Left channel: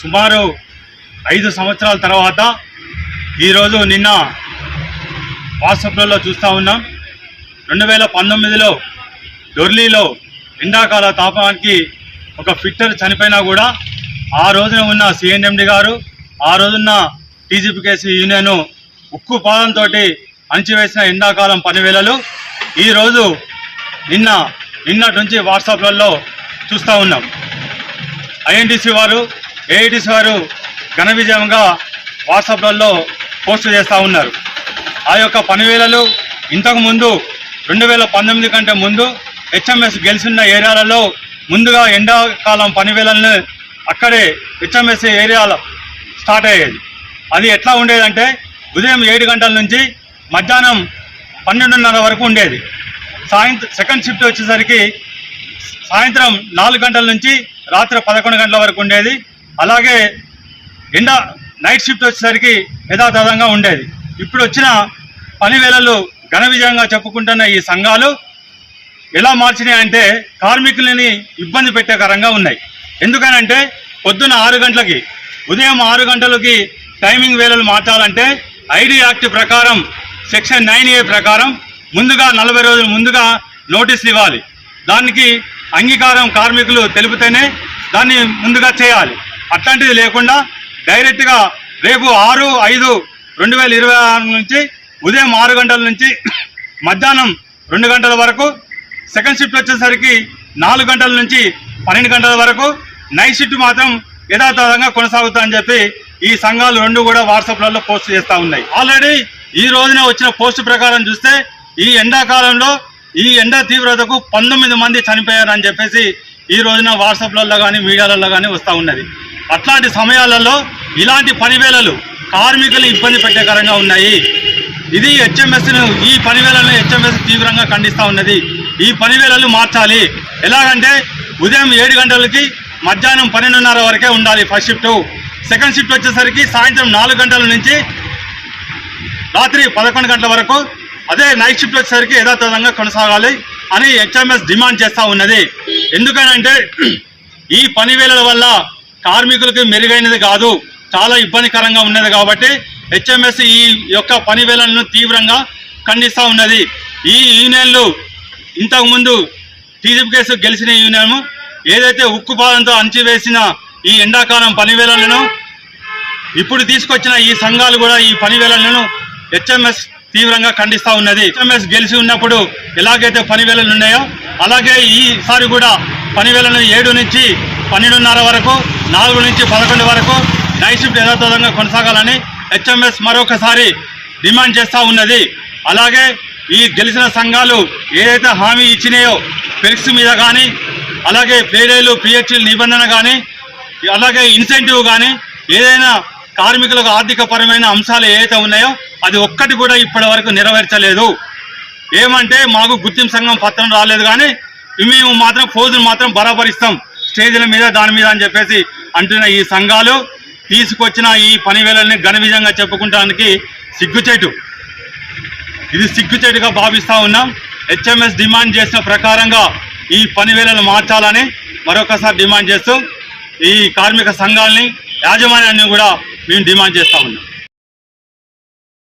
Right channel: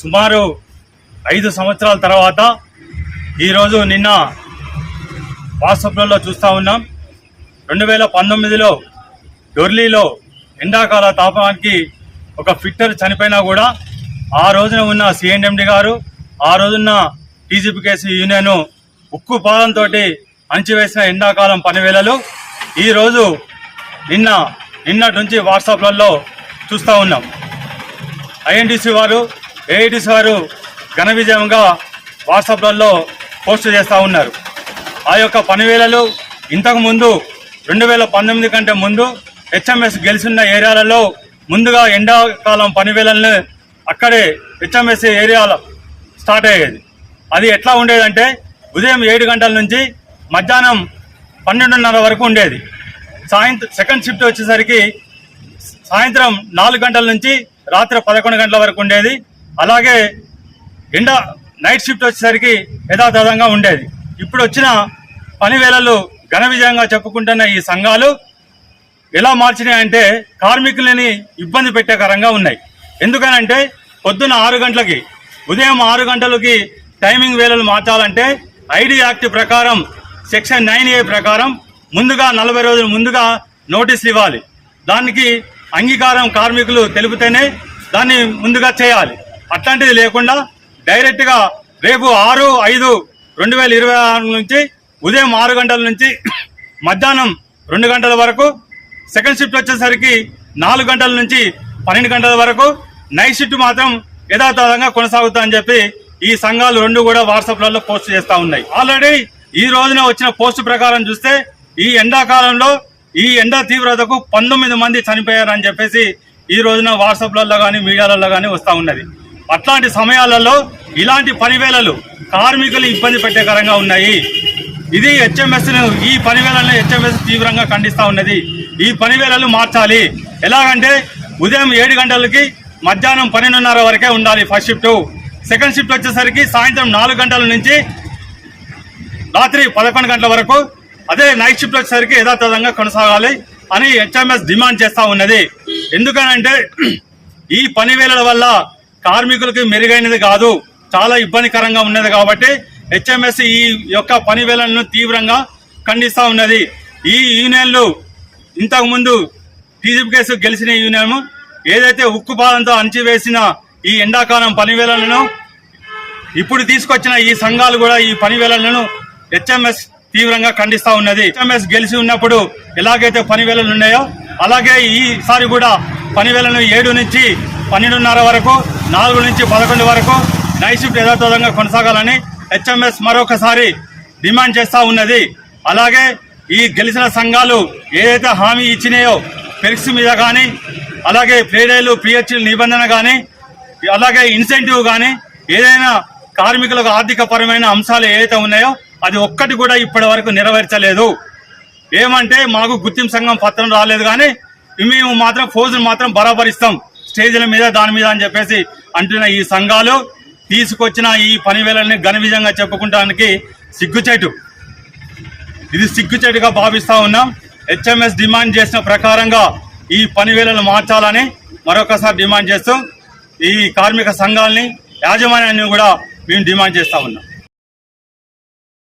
సుమారు 5 సంవత్సరాల తర్వాత ఈరోజు నిన్న వాట్సాప్లలో చూస్తూ ఉన్నాం. 2019లో డొర్లీలో ఎండాకాల తాపానికి ఒక ఫిట్టర్ చనిపోయినా కూడా ఆ రోజున ఉన్న సిఎన్ఎండి గారు, ఆ రోజున్న టీజీపీకేసీ యూనియన్ ఉక్కు పాదంతో అణచివేసిన ఎండాకాలం పనివేళలు ఈరోజు నిన్నటి నుంచి వాట్సాప్లలో చూస్తూ ఉన్నాం. ఐఎన్టీసీ వారు, ఏఐటీసీ వారు ఘన విజయంగా వాట్సాప్లలో పోస్ట్ చేస్తూ ఉన్నారు. ఆ యొక్క పనివేళలు ఇంతకుముందు 2019 కంటే ముందు హెచ్ఎంఎస్ గెలిచిన ఏరియాలలో ముందుగా ఎండాకాలం పనివేళలను అక్కడే హెచ్ఎంఎస్ ఏరియాలో స్టార్ట్ అయ్యేది. అది ఎట్లా ఉండేదంటే ఉదయం 7 గంటల నుంచి మధ్యాహ్నం 12:30 వరకు ఉండేది. సెకండ్ షిఫ్ట్ వచ్చేసరికి సాయంత్రం 4 గంటల నుంచి రాత్రి 11 గంటల వరకు ఉండేది. అలాగే నైట్ షిఫ్ట్ వచ్చేసరికి యథాతథంగా ఉండేది. ఇప్పుడు వచ్చిన పనివేళలు ఘన విజయంగా చెప్పుకుంటున్న ఈ సంఘాలు ఎలా మార్చినాయంటే కార్మికులని ఇబ్బంది పెట్టేకరంగా ఉన్నాయి. ఎందుకనంటే పొద్దున్న 6 గంటలకి, ఉదయం 6 గంటలకి టైమింగ్ వేళలు మార్చాలంటే ఐడి యాక్ట్ ప్రకారం సెక్షన్ 9A ప్రకారం ముందుగా 40 రోజులు ముందుగా నోటీసులు ఇవ్వాలి. దానికి అంగీకారం కార్మికులు తెలిపితేనే దాన్ని ముందుగా చేయాలి. అట్లాంటిది లేకుండా డైరెక్ట్గా రేపు 6/5/2026 నుంచి ఉదయం 6 గంటల నుంచి మధ్యాహ్నం 2 గంటల వరకు, సెకండ్ షిఫ్ట్ వచ్చేసరికి 4 గంటల నుంచి 12 గంటల వరకు, నైట్ షిఫ్ట్ మాత్రం యథాతథంగా కొనసాగుతాయని చెప్పి ఈ సంఘాలు రెండు కూడా వాట్సాప్లలో పోస్ట్ చేస్తూ ఉన్నాయి. ఆల్రెడీ ఈ రోజున వచ్చిన పోస్ట్ ప్రకారం చూస్తే ఈ ఎండాకాలంలో ఈ ఎండ తీవ్రతకు 19 మంది చనిపోయారని చెప్పేసి ఈ రోజున వాట్సాప్లలో కానీ మీడియాలలో కానీ వస్తూ ఉన్నది. అట్లాంటి సమయాలలో ఇలాంటి పనివేళలు కార్మికులు ఇబ్బంది పెట్టేకరంగా ఉన్నాయి. ఇది హెచ్ఎంఎస్ను, ఈ పనివేళలను హెచ్ఎంఎస్ తీవ్రంగా ఖండిస్తూ ఉన్నది. ఈ పనివేళలు మార్చాలి. ఎలాగంటే ఉదయం 7 గంటలకి మధ్యాహ్నం 12:30 వరకే ఉండాలి ఫస్ట్ షిఫ్ట్. సెకండ్ షిఫ్ట్ వచ్చేసరికి సాయంత్రం 4 గంటల నుంచి రాత్రి 11 గంటల వరకు, అదే నైట్ షిఫ్ట్ వచ్చేసరికి యథాతథంగా కొనసాగాలి అని హెచ్ఎంఎస్ డిమాండ్ చేస్తూ ఉన్నది. ఎందుకనంటే ఈ పనివేళల వల్ల కార్మికులకు మెరుగైనది కాదు, చాలా ఇబ్బందికరంగా ఉన్నది. కాబట్టి హెచ్ఎంఎస్ ఈ యొక్క పనివేళలను తీవ్రంగా ఖండిస్తూ ఉన్నది. ఈ యూనియన్లు ఇంతకుముందు టీజీపీకేసీ గెలిచిన యూనియన్ ఏదైతే ఉక్కుపాదంతో అణచివేసిన ఈ ఎండాకాలం పనివేళలను ఇప్పుడు తీసుకొచ్చిన ఈ సంఘాలు కూడా ఈ పనివేళలను హెచ్ఎంఎస్ తీవ్రంగా ఖండిస్తూ ఉన్నది. హెచ్ఎంఎస్ గెలిచి ఉన్నప్పుడు ఎలాగైతే పనివేళలు ఉన్నాయో అలాగే ఈసారి కూడా పనివేళలను 7 నుంచి 12:30 వరకు, 4 నుంచి 11 వరకు నైట్ షిఫ్ట్ యథాతథంగా కొనసాగాలని హెచ్ఎంఎస్ మరొకసారి డిమాండ్ చేస్తూ ఉన్నది. అలాగే ఈ గెలిచిన సంఘాలు ఏదైతే హామీ ఇచ్చినాయో పెరిక్స్ మీద కానీ, అలాగే పేడేలు పిహెచ్లు నిబంధన కానీ, అలాగే ఇన్సెంటివ్ కానీ, ఏదైనా కార్మికులకు ఆర్థికపరమైన అంశాలు ఏవైతే ఉన్నాయో అది ఒక్కటి కూడా ఇప్పటి వరకు నెరవేర్చలేదు. ఏమంటే మాకు గుర్తింపు సంఘం పత్రం రాలేదు కానీ మేము మాత్రం ఫోజులు మాత్రం బరాబరిస్తాం స్టేజీల మీద దాని మీద అని చెప్పేసి అంటున్న ఈ సంఘాలు తీసుకొచ్చిన ఈ పనివేళల్ని ఘన విజయంగా చెప్పుకుంటానికి సిగ్గుచేటు. ఇది సిగ్గుచేటుగా భావిస్తూ ఉన్నాం. హెచ్ఎంఎస్ డిమాండ్ చేసిన ప్రకారంగా ఈ పనివేళలు మార్చాలని మరొకసారి డిమాండ్ చేస్తూ ఈ కార్మిక సంఘాలని, యాజమాన్యాన్ని కూడా మేము డిమాండ్ చేస్తూ ఉన్నాం.